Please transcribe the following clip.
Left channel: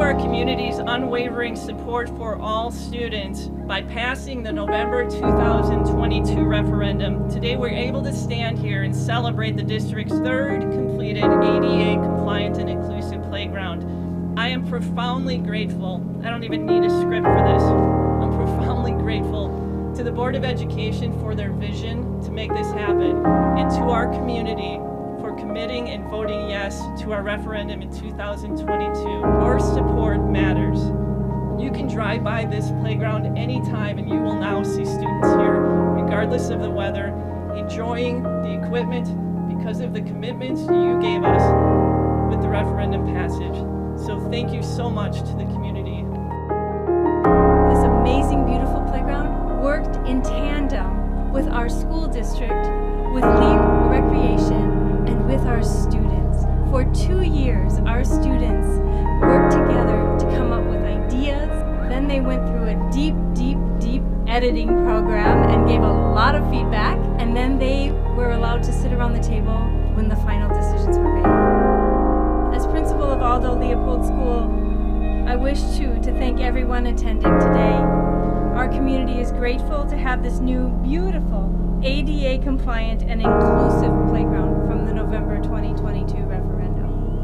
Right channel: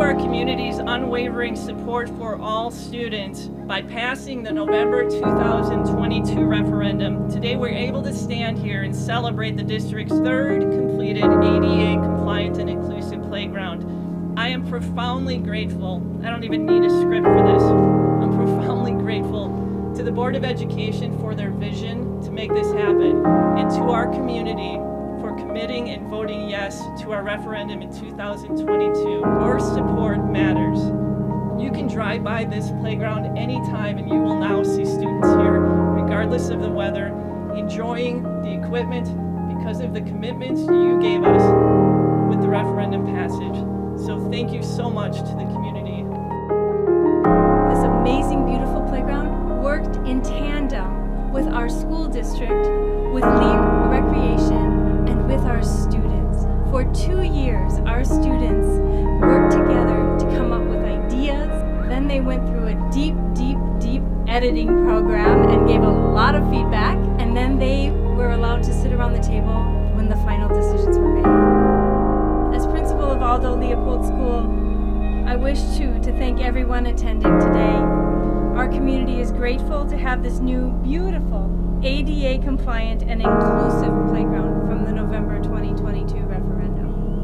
to our community's unwavering support for all students by passing the November 2022 referendum, today we're able to stand here and celebrate the district's third completed ADA compliant and inclusive playground. I am profoundly grateful. I don't even need a script for this. I'm profoundly grateful to the Board of Education for their vision to make this happen, and to our community for committing and voting yes to our referendum in 2022. Your support matters. You can drive by this playground anytime and you will now see students here, regardless of the weather, enjoying the equipment because of the commitments you gave us with the referendum passage. So thank you so much to the community. This amazing, beautiful playground worked in tandem with our school district, with Lee Recreation, and with our students. For 2 years, our students worked together to come up with ideas. Then they went through a deep editing program and gave a lot of feedback. And then they were allowed to sit around the table when the final decisions were made. As principal of Aldo Leopold School, I wish to thank everyone attending today. Our community is grateful to have this new, beautiful, ADA compliant and inclusive playground from the November 2022 referendum.